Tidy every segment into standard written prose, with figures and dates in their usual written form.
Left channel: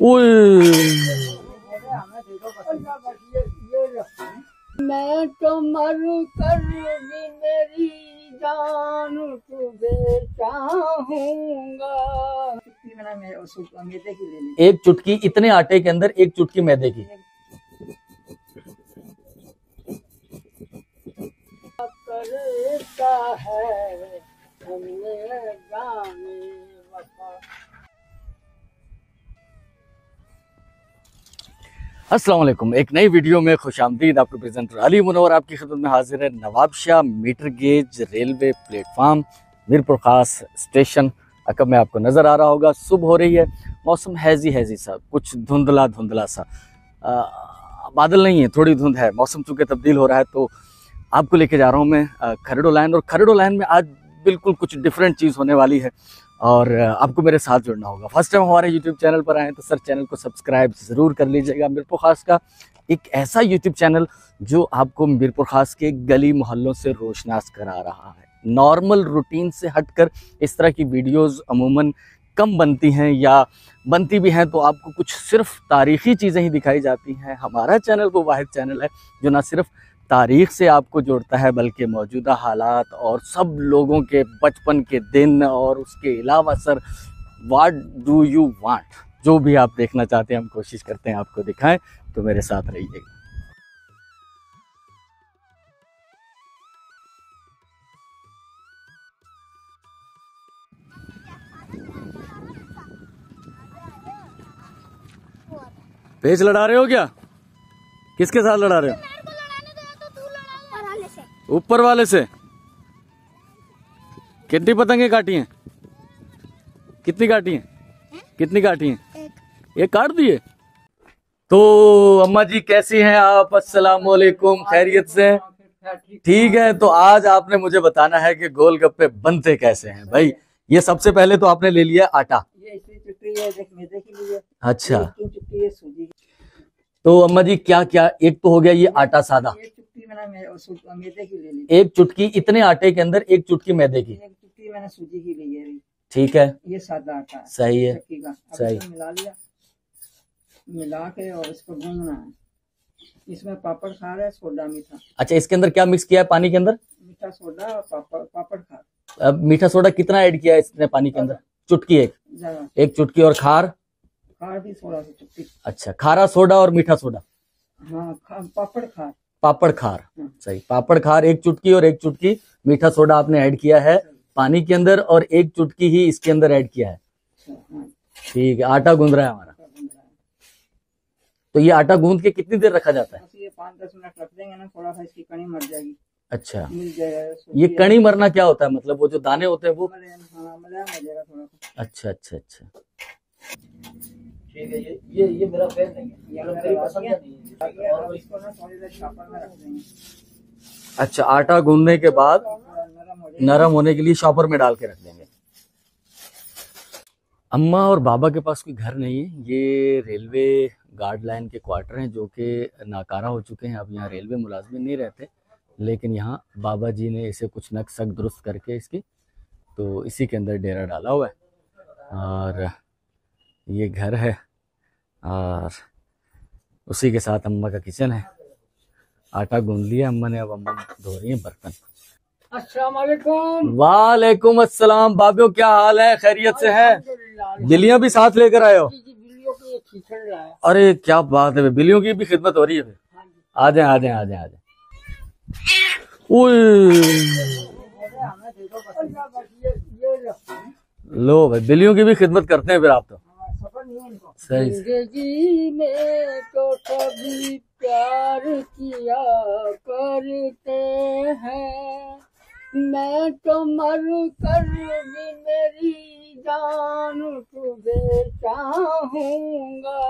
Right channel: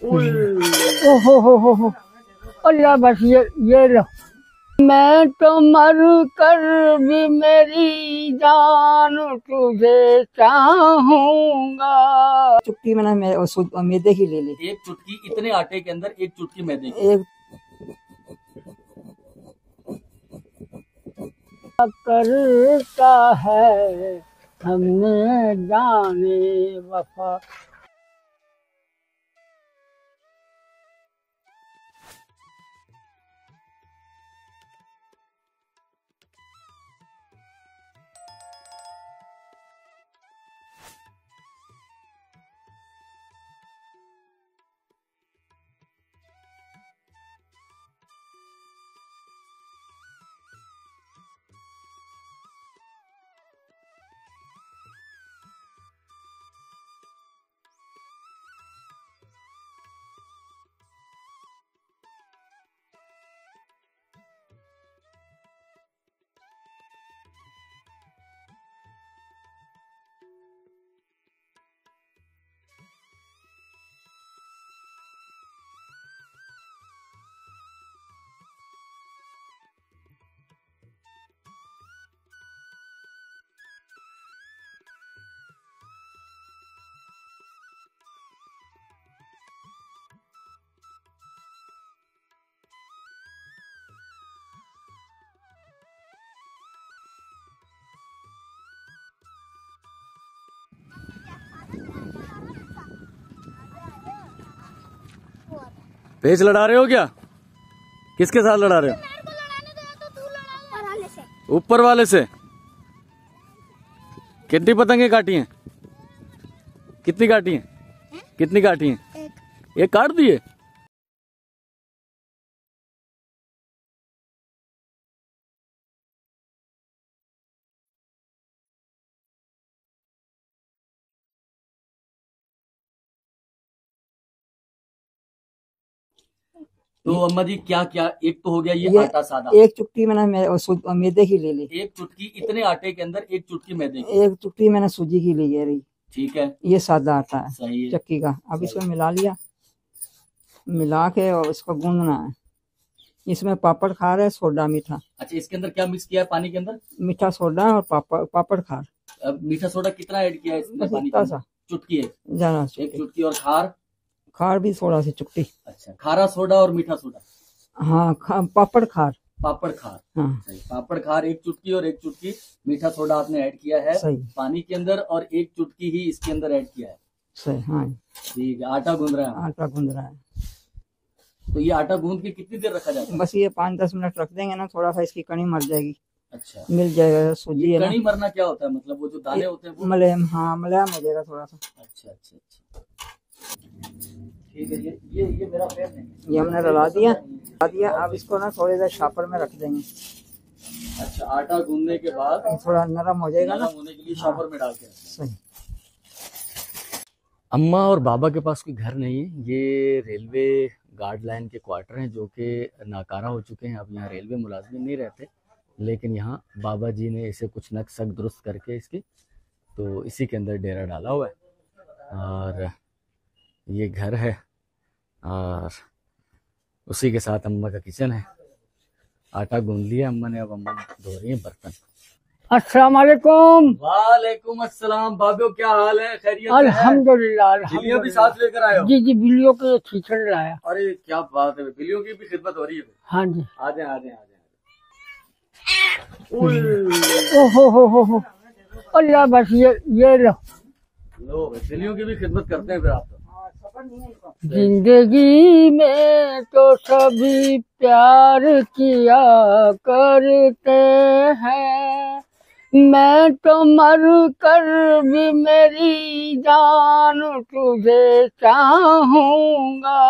ओए हो। अल्लाह बस ये लो। मैं तो मर कर भी मेरी जान तुझे चाहूंगा। चुटकी मैंने मैदे की ले ली। एक चुटकी इतने आटे के अंदर एक चुटकी मैदे की। एक करता है हमने जाने वफा। अस्सलाम वालेकुम, एक नई वीडियो में खुशामदीद। आपके प्रेजेंटर अली मुनव्वर आपकी खिदमत में हाजिर है। Nawabshah metre gauge railway platform Mirpur Khas station अकब में आपको नज़र आ रहा होगा। सुबह हो रही है, मौसम हैजी सा, कुछ धुंधला सा, बादल नहीं है, थोड़ी धुंध है। मौसम चूँकि तब्दील हो रहा है तो आपको लेके जा रहा हूँ मैं खरड़ो लाइन। और खरड़ो लाइन में आज बिल्कुल कुछ डिफरेंट चीज़ होने वाली है और आपको मेरे साथ जुड़ना होगा। फर्स्ट टाइम हमारे यूट्यूब चैनल पर आए तो सर चैनल को सब्सक्राइब ज़रूर कर लीजिएगा। मीरपुर खास का एक ऐसा यूट्यूब चैनल जो आपको मीरपुर खास के गली मोहल्लों से रोशनास करा रहा है। नॉर्मल रूटीन से हटकर इस तरह की वीडियोस अमूमन कम बनती हैं, या बनती भी हैं तो आपको कुछ सिर्फ तारीख़ी चीज़ें ही दिखाई जाती हैं। हमारा चैनल वो वाहिद चैनल है जो ना सिर्फ तारीख़ से आपको जोड़ता है बल्कि मौजूदा हालात और सब लोगों के बचपन के दिन और उसके अलावा sir what do you want, जो भी आप देखना चाहते हैं हम कोशिश करते हैं आपको दिखाएं। तो मेरे साथ रहिए। पेच लड़ा रहे हो क्या? किसके साथ लड़ा रहे हो? ऊपर वाले से। कितनी पतंगे काटी हैं? कितनी काटी हैं? कितनी काटी हैं? एक काट दिए। तो अम्मा जी कैसी हैं आप? अस्सलाम वालेकुम, खैरियत से? ठीक है। तो आज आपने मुझे बताना है कि गोलगप्पे बनते कैसे हैं। भाई ये सबसे पहले तो आपने ले लिया आटा। अच्छा, तो अम्मा जी क्या क्या? एक तो हो गया ये आटा सादा। एक चुटकी मैंने मैदे की ले ली। एक चुटकी इतने आटे के अंदर एक चुटकी मैदे की। एक चुटकी मैंने सूजी की ली है। ठीक है, ये सादा आटा है। सही है, चक्की का। अब इसको मिला लिया, मिला के और इसको गूंदना है। इसमें पापड़ खार है, सोडा मीठा। अच्छा, इसके अंदर क्या मिक्स किया है पानी के अंदर? मीठा सोडा और पापड़ खार। अब मीठा सोडा कितना ऐड किया है इसने पानी के अंदर? चुटकी एक। एक चुटकी। और खार? खार भी थोड़ा सी चुटकी। अच्छा, खारा सोडा और मीठा सोडा। हाँ, पापड़ खार। पापड़ खार। हाँ। सही, पापड़ खार एक चुटकी और एक चुटकी मीठा सोडा आपने ऐड किया है पानी के अंदर, और एक चुटकी ही इसके अंदर ऐड किया है। सही, हाँ। ठीक है, आटा गूंद रहा है। आटा गूंद रहा है। तो ये आटा गूंद के कितनी देर रखा जाता है? बस ये 5-10 मिनट रख देंगे ना, थोड़ा सा इसकी कणी मर जाएगी। अच्छा, मिल जाएगा। ये कणी मरना क्या होता है? मतलब वो जो दाने होते हैं वो मलहम। हाँ, मलहम हो जाएगा थोड़ा सा। अच्छा। ठीक है, ये मेरा पैर नहीं है। ये हमने डला दिया। अब इसको ना थोड़ी देर शॉपर में रख देंगे। अच्छा, आटा गूंदने के बाद थोड़ा नरम हो जाएगा। नरम होने के लिए शॉपर में डाल के रख देंगे। अम्मा और बाबा के पास कोई घर नहीं है। ये रेलवे गार्ड लाइन के क्वार्टर हैं जो कि नाकारा हो चुके हैं। अब यहाँ रेलवे मुलाजमिन नहीं रहते, लेकिन यहाँ बाबा जी ने इसे कुछ नक्शा दुरुस्त करके इसकी तो इसी के अंदर डेरा डाला हुआ है। और ये घर है और उसी के साथ अम्मा का किचन है। आटा गूंद लिया अम्मा ने, अब अम्मा धो रही है बर्तन। अस्सलाम वालेकुम। वालेकुम अस्सलाम। बाबो क्या हाल है? खैरियत से है? अल्हम्दुलिल्लाह। बिल्लियां भी साथ लेकर आए हो? जी, बिल्लियों के खींचड़ लाया। अरे क्या बात है, बिल्लियों की भी खिदमत हो रही है। हाँ जी, आ जाए। हो। अल्लाह बस ये लो भाई, बिल्लियों की भी खिदमत करते हैं फिर आप तो। जिंदगी में तो सभी प्यार किया करते हैं, मैं तो मर कर भी मेरी जान तुझे चाहूंगा।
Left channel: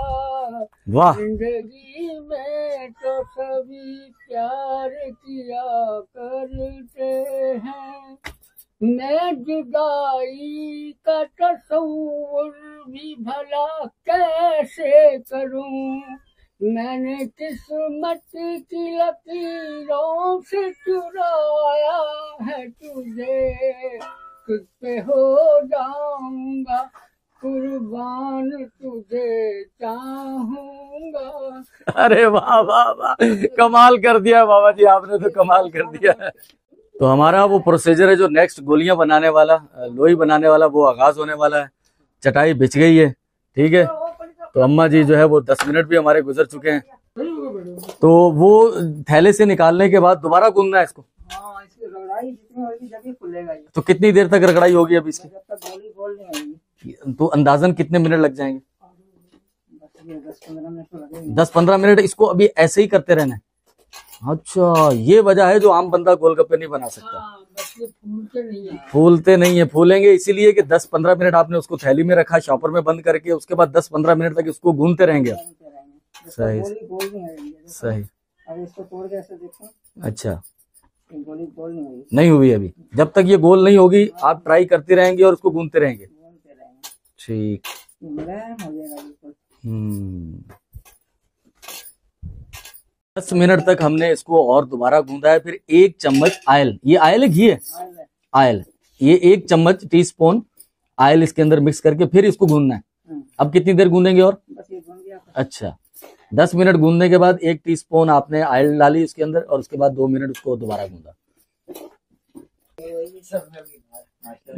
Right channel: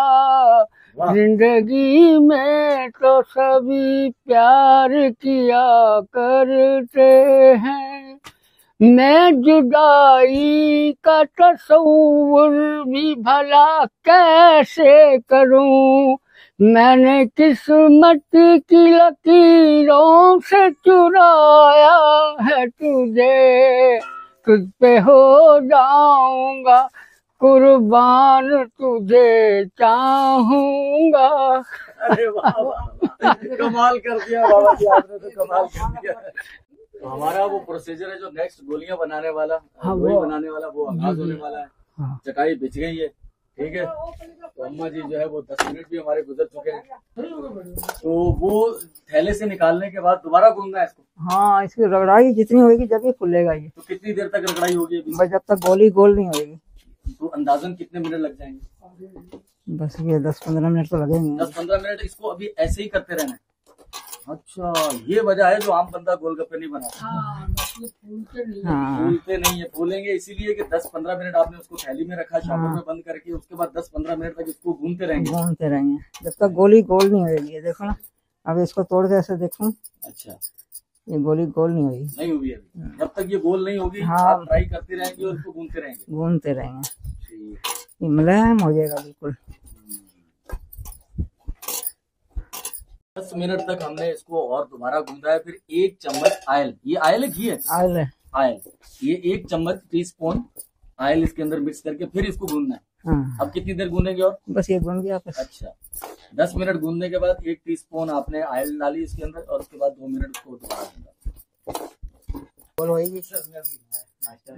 जिंदगी में तो सभी प्यार किया करते हैं, मैं जुदाई का तस्वुर भी भला कैसे करूं। मैंने किस्मत की लकीरों से चुराया है तुझे, तुझ पे हो जाऊंगा कुर्बान तुझे चाहूंगा। अरे वाह वाह वाह, कमाल कर दिया बाबा जी, आपने तो कमाल कर दिया। तो हमारा वो प्रोसीजर है जो नेक्स्ट गोलियां बनाने वाला, लोई बनाने वाला, वो आगाज होने वाला है। चटाई बिछ गई है, ठीक है। तो अम्मा जी जो है वो 10 मिनट भी हमारे गुजर चुके हैं। तो वो थैले से निकालने के बाद दोबारा गूंदना है इसको। हाँ, इसकी रगड़ाई जितनी होगी जब ये फूलेगा ये। तो कितनी देर तक रगड़ाई होगी अभी? बस जब तक गोली गोल नहीं होगी। तो अंदाजन कितने मिनट लग जाएंगे? बस ये 10-15 मिनट तो लगेंगे। 10-15 मिनट इसको अभी ऐसे ही करते रहना है। अच्छा, ये वजह है जो आम बंदा गोलगप्पे नहीं बना सकता। फूलते नहीं है। फूलेंगे इसीलिए कि 10-15 मिनट आपने उसको थैली में रखा, शॉपर में बंद करके, उसके बाद 10-15 मिनट तक इसको गूंदते रहेंगे जब तक गोली गोल नहीं होगी। देखो अब इसको तोड़ के ऐसे देखो। अच्छा, ये गोली गोल नहीं हुई। नहीं हुई अभी। जब तक ये गोल नहीं होगी आप ट्राई करते रहेंगे और उसको गूंदते रहेंगे। ठीक, मुलायम हो जाएगा बिल्कुल। 10 मिनट तक हमने इसको और दोबारा गूंदा है। फिर 1 चम्मच ऑयल, ये ऑयल है घी है? ऑयल, ये 1 चम्मच टीस्पून ऑयल इसके अंदर मिक्स करके फिर इसको गूंदना है। हाँ। अब कितनी देर गूंदेंगे और? बस ये गूंद गया। अच्छा, 10 मिनट गूंदने के बाद 1 टीस्पून आपने ऑयल डाली इसके अंदर और उसके बाद 2 मिनट उसको दोबारा गूंदा।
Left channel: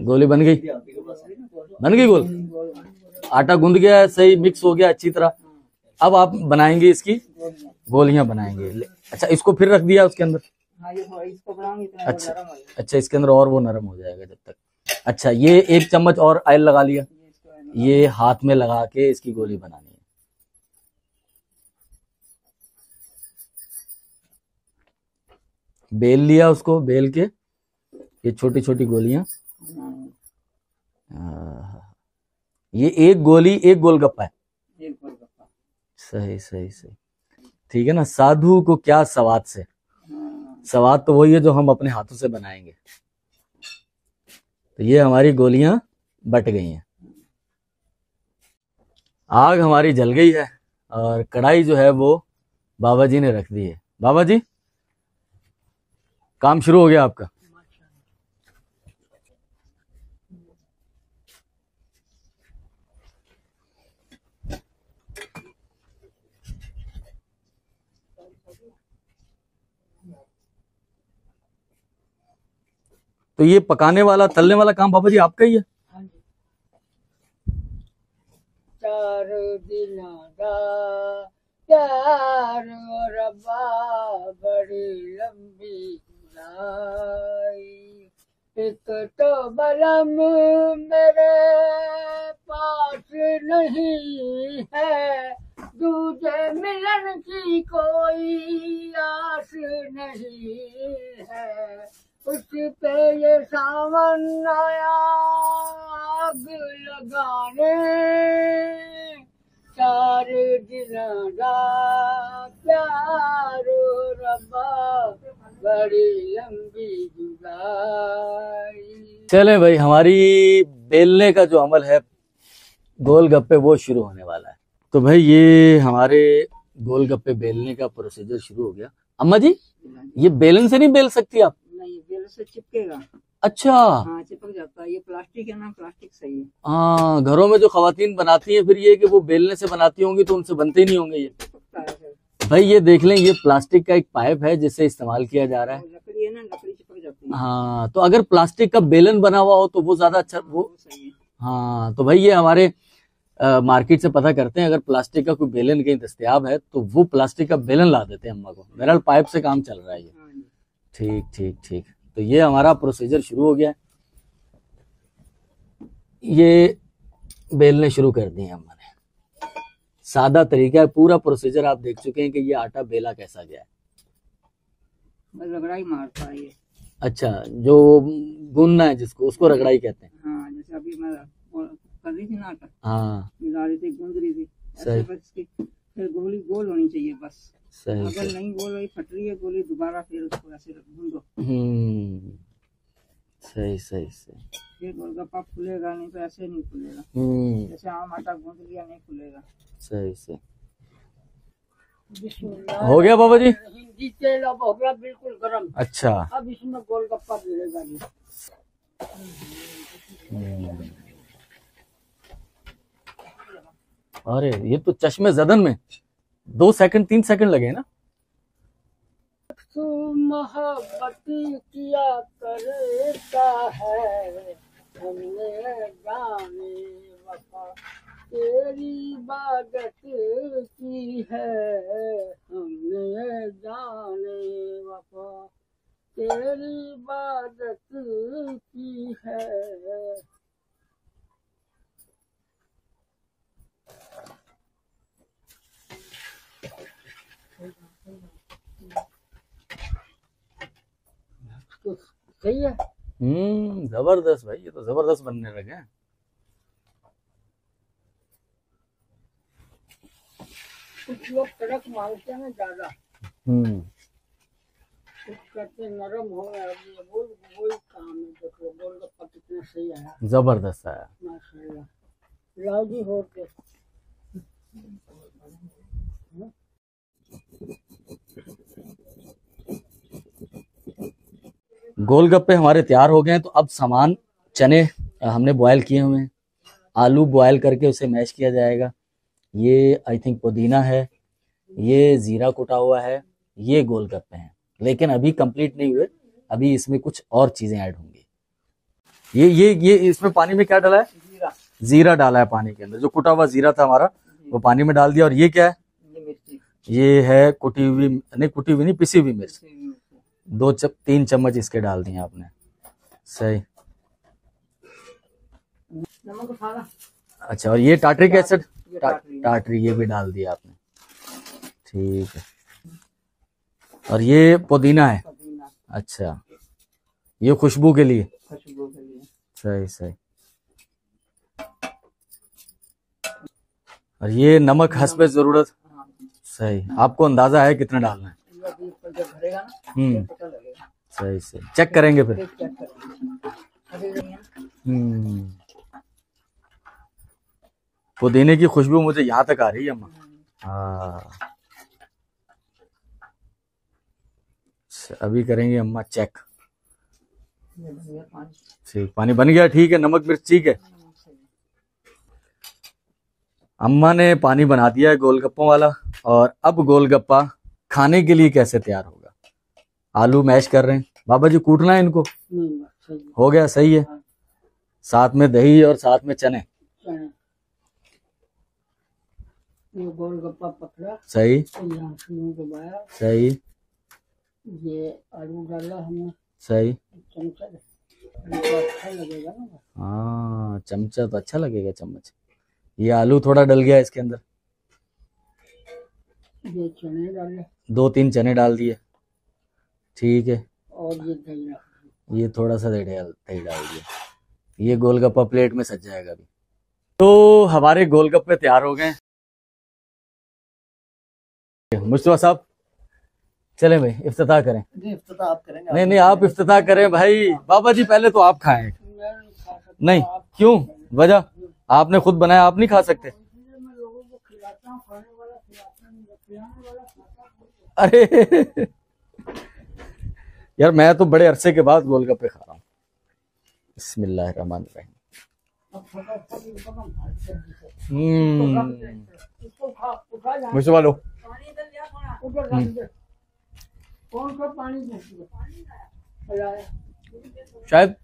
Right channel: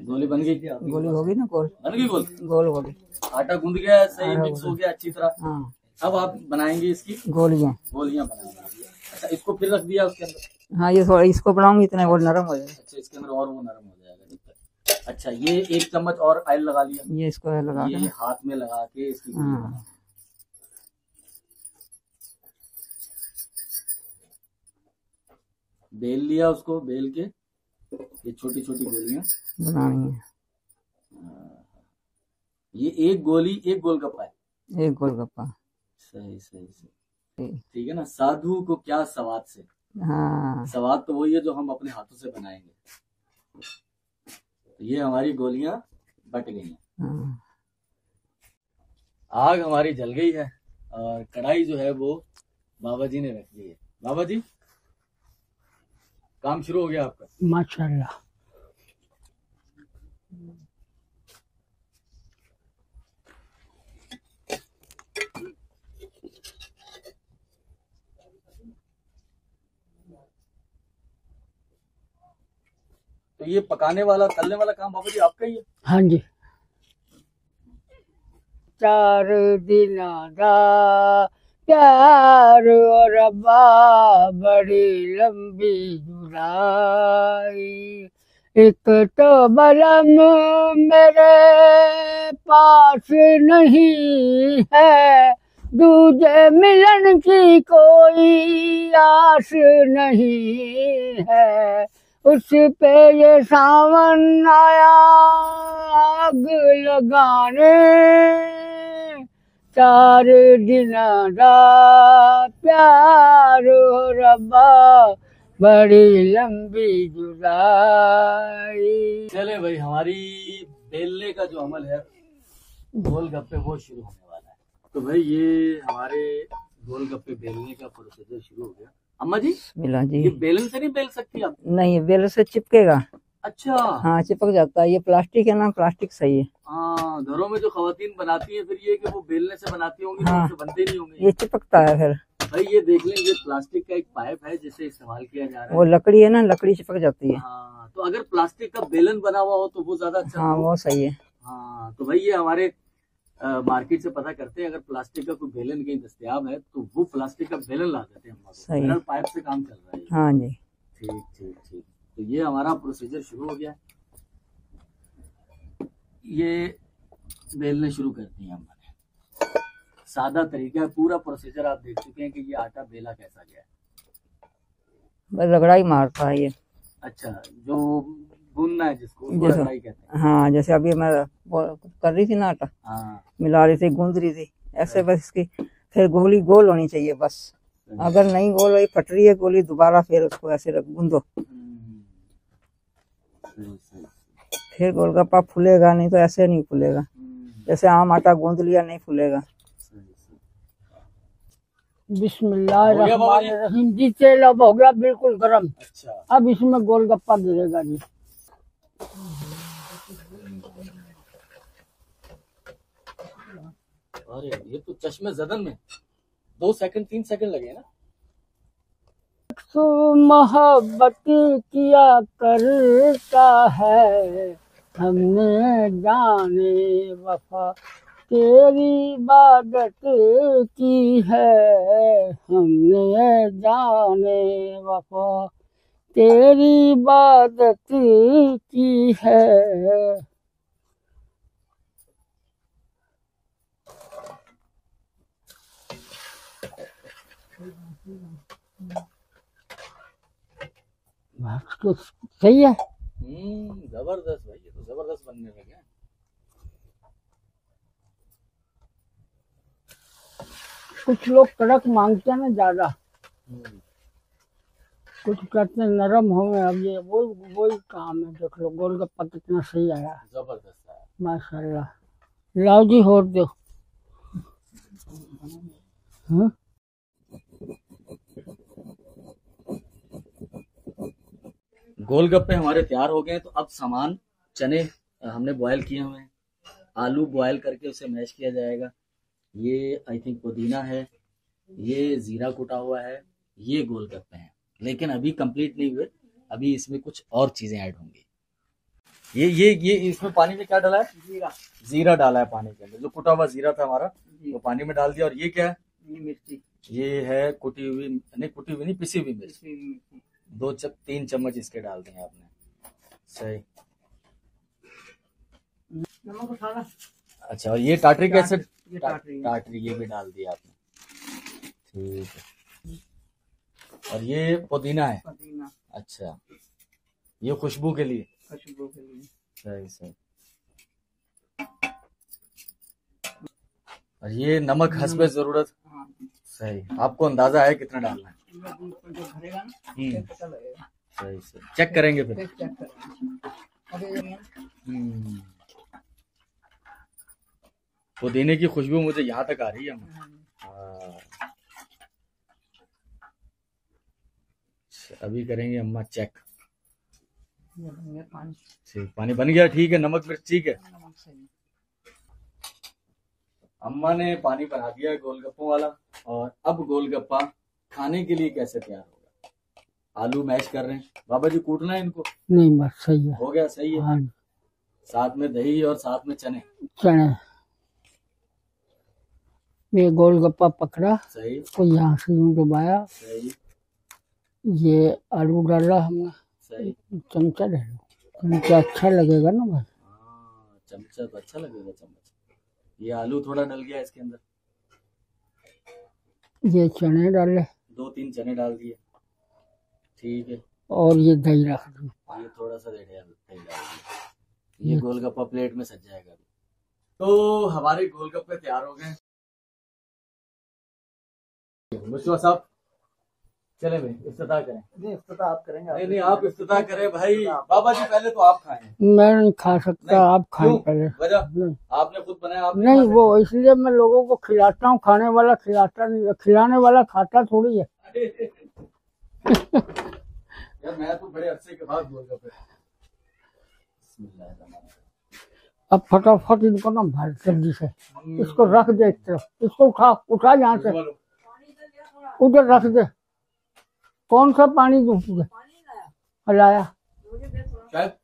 गोली बन गई? गोली होगी ना, गोल बन गई। गोली आटा गूंद गया है, सही मिक्स हो गया अच्छी तरह। हाँ। अब आप बनाएंगे इसकी गोलियां बनाएंगे। अच्छा, इसको फिर रख दिया उसके अंदर? हाँ, ये थोड़ा इसको बनाऊंगी इतने वो नरम हो जाएगा। अच्छा, इसके अंदर और वो नरम हो जाएगा जब तक। अच्छा, ये 1 चम्मच और ऑयल लगा लिया। ये इसको लगा, ये हाथ में लगा के इसकी गोली बनानी है। बेल लिया, उसको बेल के ये छोटी छोटी गोलियां बनानी है। ये 1 गोली 1 गोलगप्पा है। 1 गोलगप्पा। सही। ठीक है ना। साधु को क्या सवाद से। हाँ। सवाद तो वही है जो हम अपने हाथों से बनाएंगे। तो ये हमारी गोलियां बट गई हैं। हाँ। आग हमारी जल गई है और कढ़ाई जो है वो बाबा जी ने रख दी है। बाबा जी, काम शुरू हो गया आपका? माशाल्लाह। तो ये पकाने वाला तलने वाला काम बाबा जी आपका ही है? हाँ जी। 4 दिन दा प्यार और रब्बा बड़ी लंबी जुदाई, एक तो बलम मेरे पास नहीं है, दूजे मिलन की कोई आस नहीं है, उस पे ये सावन आया आग लगाने, 4 दिन दा प्यार रब्बा बड़ी लंबी जुदाई। चलें भाई, हमारी बेलने का जो अमल है गोलगप्पे वो शुरू होने वाला है। तो भाई ये हमारे गोलगप्पे बेलने का प्रोसीजर शुरू हो गया। अम्मा जी, ये बेलन से नहीं बेल सकती आप? नहीं, बेलन से चिपकेगा। अच्छा। हाँ, चिपक जाता है। ये प्लास्टिक है ना, प्लास्टिक सही है। हाँ, घरों में जो खवातीन बनाती हैं फिर ये कि वो बेलने से बनाती होंगी। तो उनसे बनते ही नहीं होंगे। ये चिपकता है फिर। भाई ये देख लें, ये प्लास्टिक का एक पाइप है जिससे इस्तेमाल किया जा रहा है। वो लकड़ी है ना, लकड़ी चिपक जाती है। हाँ, तो अगर प्लास्टिक का बेलन बना हुआ हो तो वो ज्यादा अच्छा। हाँ, वो सही है। हाँ, तो भाई ये हमारे मार्केट से पता करते हैं, अगर प्लास्टिक का कोई बेलन कहीं दस्तयाब है तो वो प्लास्टिक का बेलन ला देते हैं अम्मा को। मेरा पाइप से काम चल रहा है। हाँ जी। ठीक। तो ये हमारा प्रोसीजर शुरू हो गया है। ये बेलने शुरू कर दिए अम्मा ने। सादा तरीका है, पूरा प्रोसीजर आप देख चुके हैं कि ये आटा बेला कैसा गया है। बस रगड़ाई मारता है ये। अच्छा, जो गूंदना है जिसको, उसको रगड़ाई कहते हैं। हाँ, जैसे अभी मैं कर रही थी ना आटा, हाँ, मिला रही थी, गूंद रही थी ऐसे। बस इसकी फिर गोली गोल होनी चाहिए बस। अगर नहीं गोल हुई, फट रही है गोली, दोबारा फिर उसको ऐसे गूंदो। सही। फिर गोलगप्पा फूलेगा, नहीं तो ऐसे नहीं फूलेगा। जैसे आम आटा गूंद लिया, नहीं फूलेगा। सही। बिस्मिल्लाह हो गया बाबा जी? जी, तेल अब हो गया बिल्कुल गरम। अच्छा, अब इसमें गोलगप्पा गिरेगा जी। अरे ये तो चश्मे जदन में 2 सेकंड 3 सेकंड लगे ना। तो मोहब्बत किया करता है, हमने जाने वफा तेरी इबादत की है, हमने जाने वफा तेरी इबादत की है। तो सही है। जबरदस्त भाई, ये तो जबरदस्त बनने लगे हैं। कुछ लोग कड़क मांगते हैं ना ज्यादा, कुछ कहते हैं नरम हो गए। अब ये वो काम है। देख लो गोलगप्पा कितना सही आया, जबरदस्त आया माशाल्लाह। लाओ जी और दो। हाँ? गोलगप्पे हमारे तैयार हो गए हैं। तो अब सामान, चने हमने बॉयल किए हुए हैं, आलू बॉयल करके उसे मैश किया जाएगा, ये आई थिंक पुदीना है, ये जीरा कुटा हुआ है, ये गोलगप्पे हैं। लेकिन अभी कंप्लीट नहीं हुए, अभी इसमें कुछ और चीजें ऐड होंगी। ये इसमें पानी में क्या डाला है? जीरा। जीरा डाला है पानी के अंदर। जो कुटा हुआ जीरा था हमारा वो पानी में डाल दिया। और ये क्या है? ये मिर्ची। ये है कुटी हुई नहीं, पिसी हुई मिर्च। 3 चम्मच इसके डाल दिए आपने। सही। नमक उठाना। अच्छा, और ये टाटरिक एसिड, ये टाटरी। टाटरी ये भी डाल दिया आपने। ठीक है। और ये पुदीना है। पुदीना। अच्छा, ये खुशबू के लिए। खुशबू के लिए। सही सही। और ये नमक हस्बे जरूरत। सही। आपको अंदाजा है कितना डालना है? जब भरेगा ना पता लगेगा। सही सही। चेक करेंगे फिर। चेक करेंगे। पुदीने की खुशबू मुझे यहाँ तक आ रही है अम्मा। हाँ, अभी करेंगे अम्मा चेक। ठीक, पानी बन गया। ठीक है, नमक मिर्च ठीक है। अम्मा ने पानी बना दिया है गोलगप्पों वाला। और अब गोलगप्पा खाने के लिए कैसे तैयार होगा? आलू मैश कर रहे हैं बाबा जी, कूटना है इनको? नहीं, बस सही है। हो गया, सही है। हाँ। साथ में दही और साथ में चने। ये गोलगप्पा पकड़ा, सही। तो यहाँ से यूं दबाया। सही। ये आलू डाला हमने। सही। चमचा ले लो, चमचा अच्छा लगेगा ना भाई। हाँ, चमचा तो अच्छा लगेगा, चम्मच। ये आलू थोड़ा डल गया इसके अंदर। ये चने डाले, 2-3 चने डाल दिए। ठीक है। और ये दही रख दो। ये थोड़ा सा दही डाल दिया। ये गोलगप्पा प्लेट में सज जाएगा अभी। तो हमारे गोलगप्पे तैयार हो गए। मुस्तफा साहब चले भाई, इफ्तिताह करें। इफ्तिताह आप करेंगे? नहीं, आप इफ्तिताह करें भाई। बाबा जी पहले तो आप खाएं। मैं नहीं खा सकता। नहीं, आप क्यों? वजह? आपने खुद बनाया, आप नहीं खा सकते? वो इसलिए मैं लोगों को खिलाता हूँ। खाने वाला खिलाता नहीं, खिलाने वाला खाता थोड़ी है। अरे यार, मैं तो बड़े अरसे के बाद गोलगप्पे खा रहा हूँ। बिस्मिल्लाहिर्रहमानिर्रहीम। अब फटाफट इनको ना भर जल्दी से, इसको रख दे एक तरफ। इसको उठा यहाँ से, उधर रख दे। कौन सा पानी दूं तुझे? लाया शायद,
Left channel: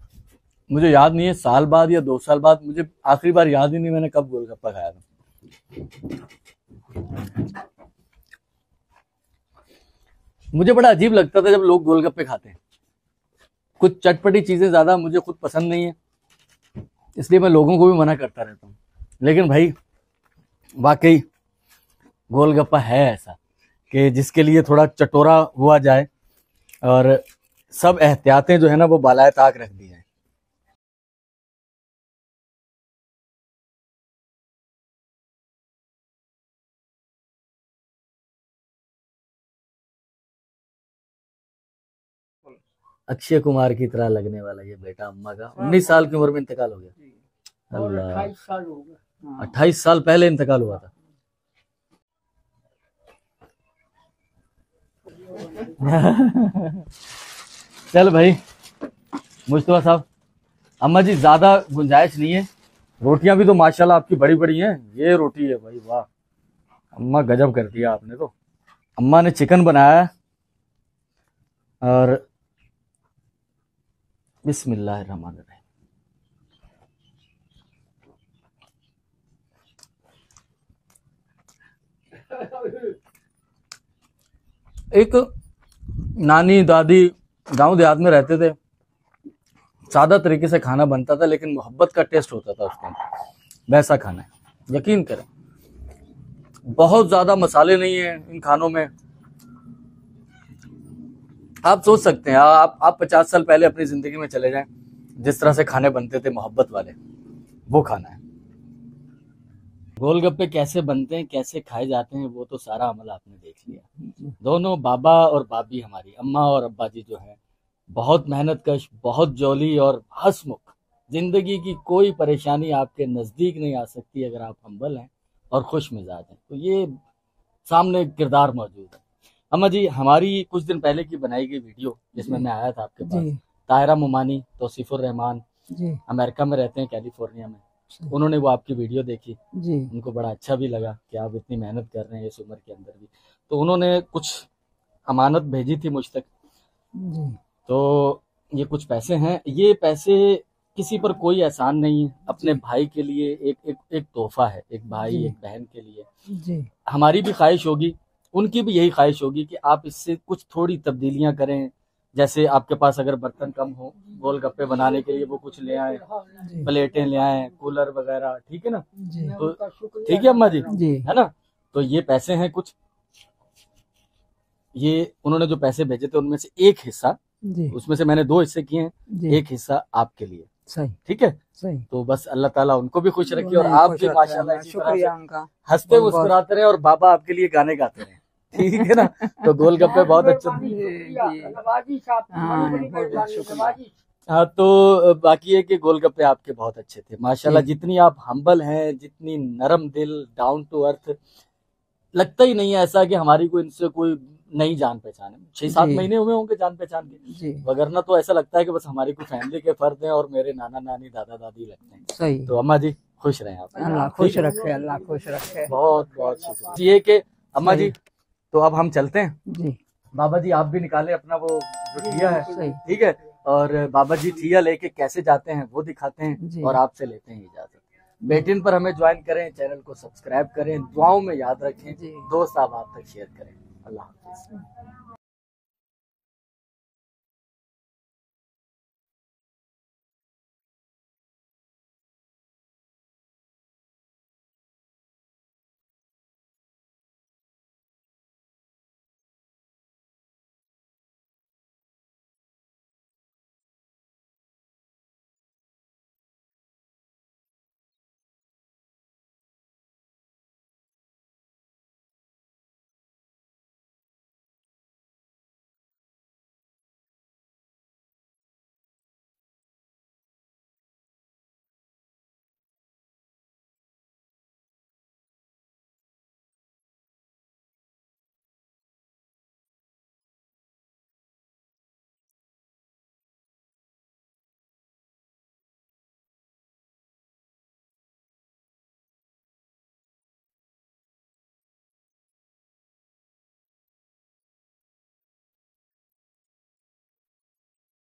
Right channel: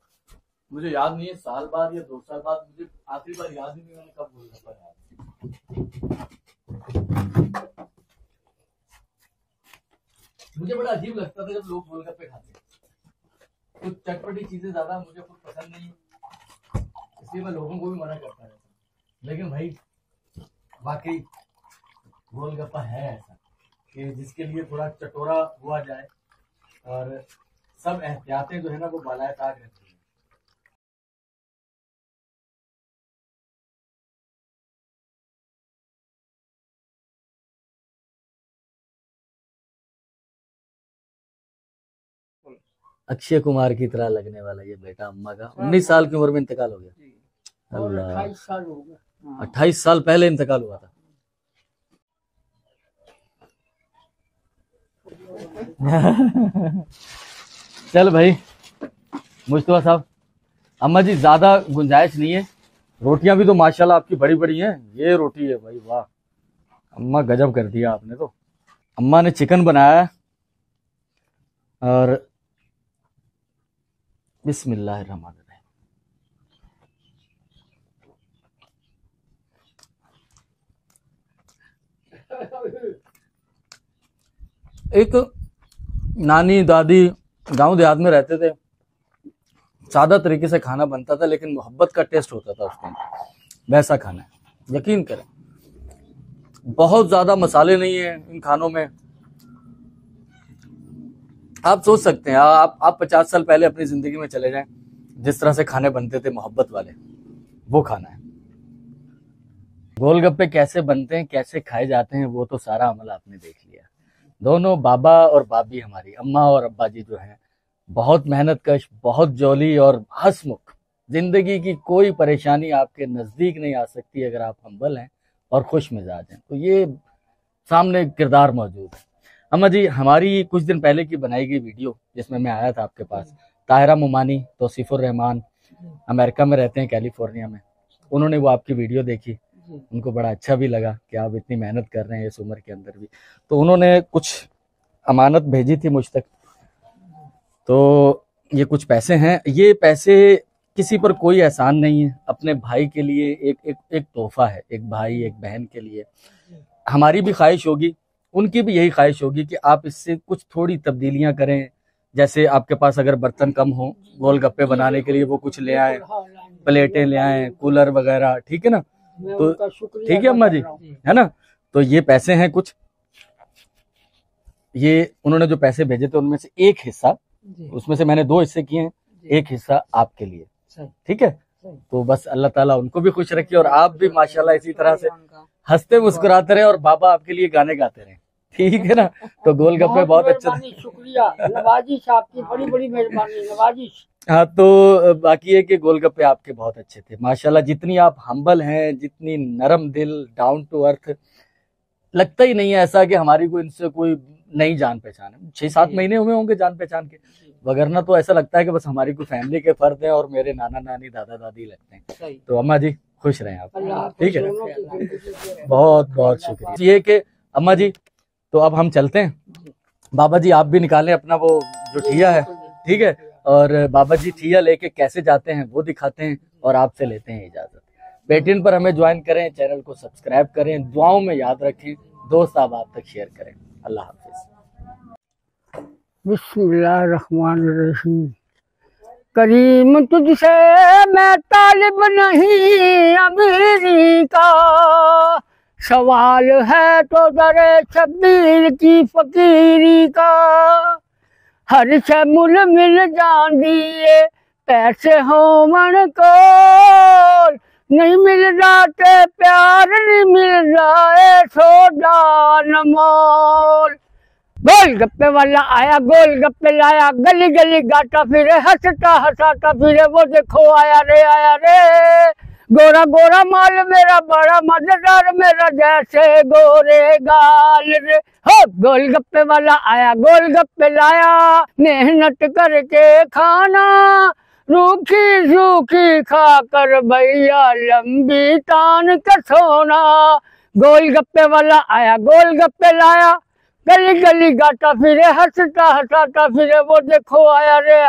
मुझे याद नहीं है, साल बाद या 2 साल बाद। मुझे आखिरी बार याद ही नहीं मैंने कब गोलगप्पा खाया था। मुझे बड़ा अजीब लगता था जब लोग गोलगप्पे खाते हैं। कुछ चटपटी चीजें ज्यादा मुझे खुद पसंद नहीं है, इसलिए मैं लोगों को भी मना करता रहता हूँ। लेकिन भाई वाकई गोलगप्पा है ऐसा कि जिसके लिए थोड़ा चटोरा हुआ जाए और सब एहतियातें जो है ना वो बालाए ताक रख दी जाए। अक्षय कुमार की तरह लगने वाला ये बेटा अम्मा का। 19 साल की उम्र में इंतकाल हो गया। अल्लाह, 28 साल हो गए। 28 साल पहले इंतकाल हुआ था। चल भाई मुस्तफा साहब, अम्मा जी ज्यादा गुंजाइश नहीं है, रोटियां भी तो माशाल्लाह आपकी बड़ी बड़ी हैं। ये रोटी है भाई, वाह अम्मा गजब कर दिया आपने तो। अम्मा ने चिकन बनाया है और बिस्मिल्लाहिर्रहमानिर्रहीम। एक नानी दादी गांव देहात में रहते थे, सादा तरीके से खाना बनता था लेकिन मोहब्बत का टेस्ट होता था उसके अंदर। वैसा खाना है, यकीन करें। बहुत ज्यादा मसाले नहीं है इन खानों में। आप सोच सकते हैं, आप 50 साल पहले अपनी जिंदगी में चले जाएं, जिस तरह से खाने बनते थे मोहब्बत वाले, वो खाना है। गोलगप्पे कैसे बनते हैं, कैसे खाए जाते हैं, वो तो सारा अमल आपने देख लिया। दोनों बाबा और बाबी, हमारी अम्मा और अब्बा जी जो हैं, बहुत मेहनत कश, बहुत जौली और हंसमुख। जिंदगी की कोई परेशानी आपके नजदीक नहीं आ सकती अगर आप हम्बल हैं और खुश मिजाज हैं। तो ये सामने किरदार मौजूद है। अम्मा जी, हमारी कुछ दिन पहले की बनाई गई वीडियो जिसमें मैं आया था आपके पास, ताहिरा मुमानी, तौसीफुर रहमान अमेरिका में रहते हैं, कैलिफोर्निया में, उन्होंने वो आपकी वीडियो देखी जी। उनको बड़ा अच्छा भी लगा कि आप इतनी मेहनत कर रहे हैं इस उम्र के अंदर भी। तो उन्होंने कुछ अमानत भेजी थी मुझ तक जी। तो ये कुछ पैसे हैं। ये पैसे किसी पर कोई एहसान नहीं है, अपने भाई के लिए एक तोहफा है, एक भाई एक बहन के लिए जी। हमारी भी ख्वाहिश होगी, उनकी भी यही ख्वाहिश होगी कि आप इससे कुछ थोड़ी तब्दीलियां करें। जैसे आपके पास अगर बर्तन कम हो गोलगप्पे बनाने के लिए, वो कुछ ले आए, प्लेटें ले आए, कूलर वगैरह, ठीक है ना। तो ठीक है अम्मा जी, है ना। तो ये पैसे हैं कुछ, ये उन्होंने जो पैसे भेजे थे उनमें से एक हिस्सा, उसमें से मैंने 2 हिस्से किए हैं, एक हिस्सा आपके लिए, ठीक है। तो बस अल्लाह ताला उनको भी खुश रखे और आप भी माशाल्लाह इसी तरह से हंसते मुस्कुराते रहे और बाबा आपके लिए गाने गाते रहे, ठीक है ना। तो गोलगप्पे बहुत अच्छे थे। हाँ, तो बाकी है कि गोलगप्पे आपके बहुत अच्छे थे माशाल्लाह। जितनी आप हम्बल हैं, जितनी नरम दिल, डाउन टू अर्थ, लगता ही नहीं है ऐसा कि हमारी कोई इनसे कोई नई जान पहचान है। 6-7 महीने हुए होंगे जान पहचान के, वगरना तो ऐसा लगता है कि बस हमारी कोई फैमिली के फर्द हैं और मेरे नाना नानी दादा दादी लगते हैं। सही। तो अम्मा जी खुश रहें आप, ठीक है। अल्लाह खुश रखे। बहुत बहुत शुक्रिया। ये कि अम्मा जी, तो अब हम चलते हैं। बाबा जी आप भी निकालें अपना वो जो ठिया है, ठीक है। और बाबा जी ठिया लेके कैसे जाते हैं वो दिखाते हैं और आपसे लेते हैं इजाजत। बेटिन पर हमें ज्वाइन करें, चैनल को सब्सक्राइब करें, दुआओं में याद रखें, दोस्त आप तक शेयर करें। अल्लाह हाफिज। बिस्मिल्लाहिर्रहमानिर्रहीम। करीम तुझसे मैं तालिब नहीं अमीरी का, सवाल है तो दरे शब्बीर की फकीरी का। हर शे मुल मिल जान दिए पैसे हो मन को, नहीं मिल जाते प्यार, नहीं मिल जाए सोदा न मोल। गोलगप्पे वाला आया गोलगप्पे लाया, गली गली गाता फिरे, हंसता हंसाता फिरे, वो देखो आया रे। गोरा गोरा माल मेरा बड़ा मजेदार, मेरा जैसे गोरे गाल रे। हो गोलगप्पे वाला आया गोलगप्पे लाया, मेहनत करके खाना, रूखी सूखी खाकर भैया लंबी तान का सोना। गोलगप्पे वाला आया गोलगप्पे लाया, गली गली गाता फिरे, हंसता हंसाता फिरे, वो देखो आया रे